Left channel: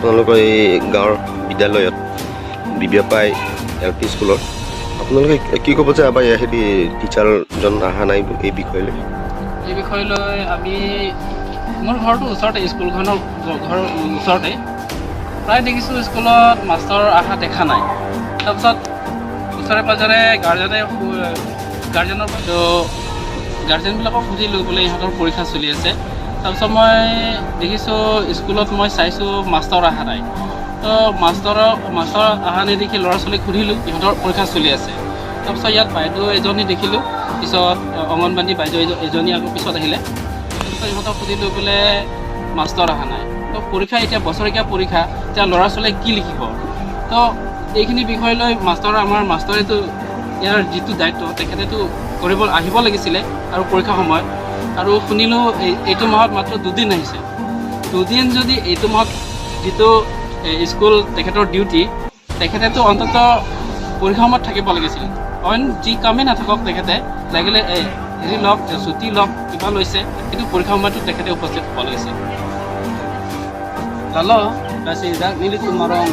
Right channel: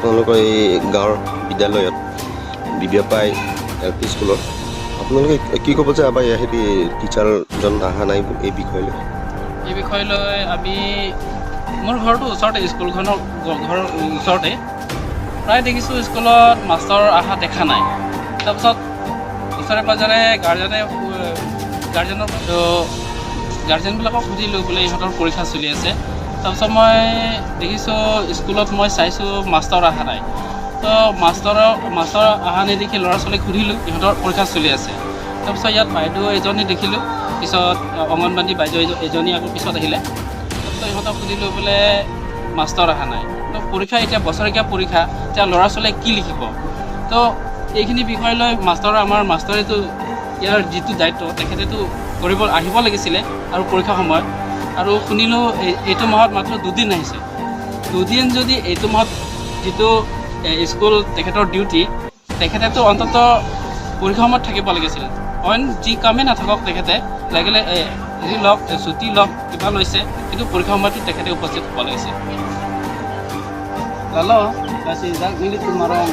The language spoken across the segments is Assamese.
আপোনালোকৰ এই গাঁৱৰ বিদ্যালয়ত বিবিয়াপাই LP স্কুলৰ আপোনালোকে কি ক'ব যে আমাৰ হেৰি টিচাৰজন অহা নাই এই বিষয়লৈ? এই বিষয়লৈ আমি মোৰ ঘৰটো ওচৰতে, স্কুলখনৰ ঘৰৰ ওচৰতে প্ৰায় দেখিছোঁ স্কুলত মাষ্টৰ অহা দেখা নাই। তাৰপিছত ওচৰে পাঁজৰে গাৰ্জেনবিলাকক সুধিলোঁ বোলে ইহঁতৰ পৰীক্ষা চলি আছে। তাৰপিছত মই দেখিছোঁ স্কুলত মই চাইছোঁ মাষ্টৰ অহা নাই। তো মাষ্টৰ অহা নেদেখি ল'ৰা ছোৱালীক সুধিলোঁ, ইহঁতৰ পৰীক্ষা চলি আছে। তাৰপিছত ইয়াত বাইদেউ এজনী দেখিলোঁ, পিছত অংগনবাদী বাইদেউ এজনী আকৌ পিছত আহিলে। তাৰপিছত ইহঁতক সুধিলোঁ বোলে মাষ্টৰ অহা নাই। তো পৰীক্ষা এতিয়া বছৰেকীয়া পৰীক্ষা, এতিয়া ল'ৰা ছোৱালীয়ে কি লিখিব? তো এইখিনি বিষয় লৈ আমাৰ মাষ্টৰেতো ইয়াৰ যিটো দায়িত্ব তেখেতেতো আহিব লাগিছিলে আৰু পৰীক্ষাৰ সময়ত। আৰু শুনিলোঁ এইটো মাহত মাত্ৰ 2 দিন আহিছে। 2 দিন যদি এইটো মাহত যিটো স্কুল তেখেতৰ ডিউটি, তেখেতেতো অন্তত পৰীক্ষাৰ সময়ত থাকিব লাগিছিল। অইন যি কামেই নাথাকক তেখেতে লাগিলে হেৰি লওক, ছুটি লওক, কিবা লৈছে, কিন্তু পৰীক্ষাৰ সময়তো তেখেতে উপস্থিত হ'ব লাগিছিল। Lalu kasih dak ini tumarong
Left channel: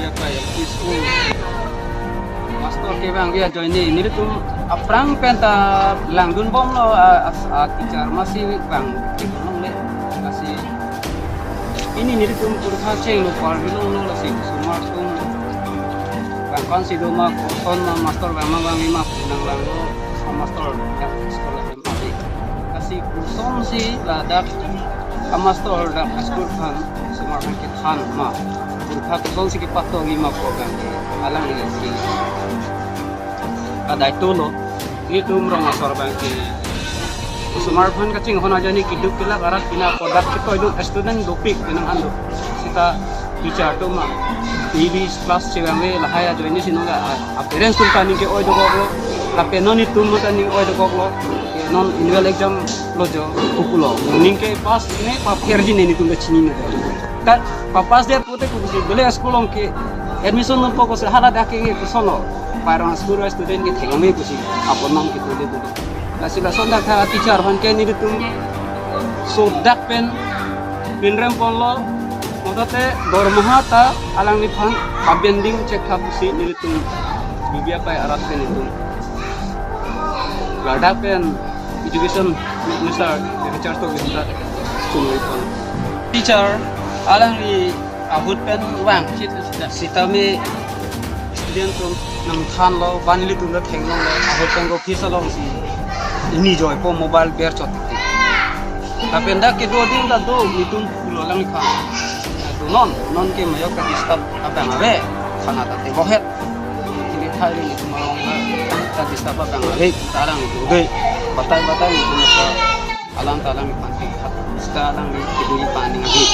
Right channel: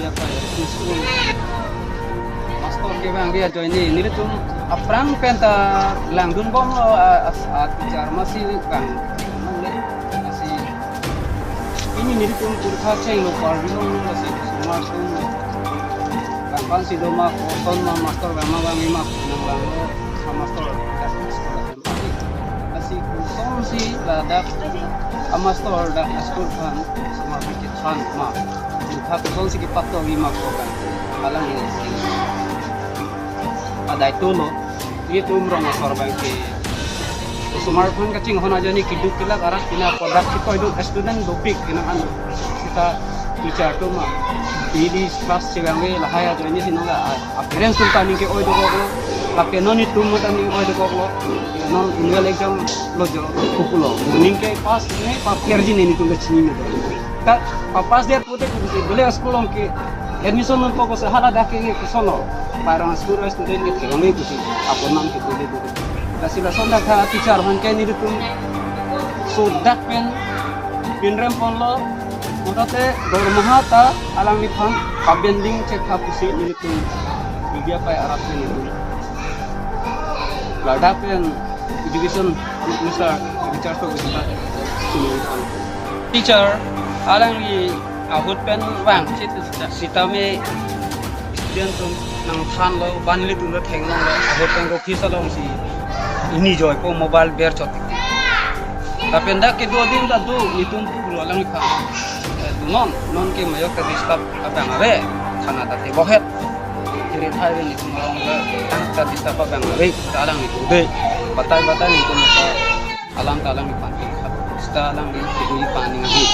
dia kayak school master ke bang dia join ini tuh aprang penta langdun bom lo teacher masih bang nong kasih ini tuh purkha ceng lo par bilong lo kasih semua tuh bang kan si doma kon master bang lima nang lang lo sama master sekolah MAI kasih kurson si ladak master dak school kan semua bangkit kan mah purkha tuh kau sih kepatau lima program alang ini ada itu lo itu merong master bangkit semua kan kacing hona jadi kiduk kila karat pina produk kita itu student dopik inang ando kita teacher tuh mah di kelas cegamwe lahaya jadi sih nongga appearance tuh tani ke oi doko lo tapi non itu mah tani oi doko lo non annual exam lo jo kupulo ning ke pas ini papier jin ini tuh cini nih kan papas dia putih kupusi beli sekolah ke admission non pokok sehala dah ke sono parang sekolah student ke cegamwe kusi apa nam kita lihat itu sila sonda ka teacher han ke ni tuh sodak pen pinrem pon lo motate dormaha ta alang ni phan pabending cek hapusi ni tuh bibiapai arat pen itu lada pen education minister teacher to kita sini pon teacher alang ni ahut pen wang sitame student tuh nang khan lo banli tuh lo khenglong lo ahut pen ko phisa lo si ini joy po mobile bear chotik tapi ndak ke 2 din da do itum pulo lang kha non ke mayo ka disturb abang are khana ta te bohet ini khai ni marong le ta disturb abang are talang itu de batai itu maka alam talang panti sta lang ni pani ngi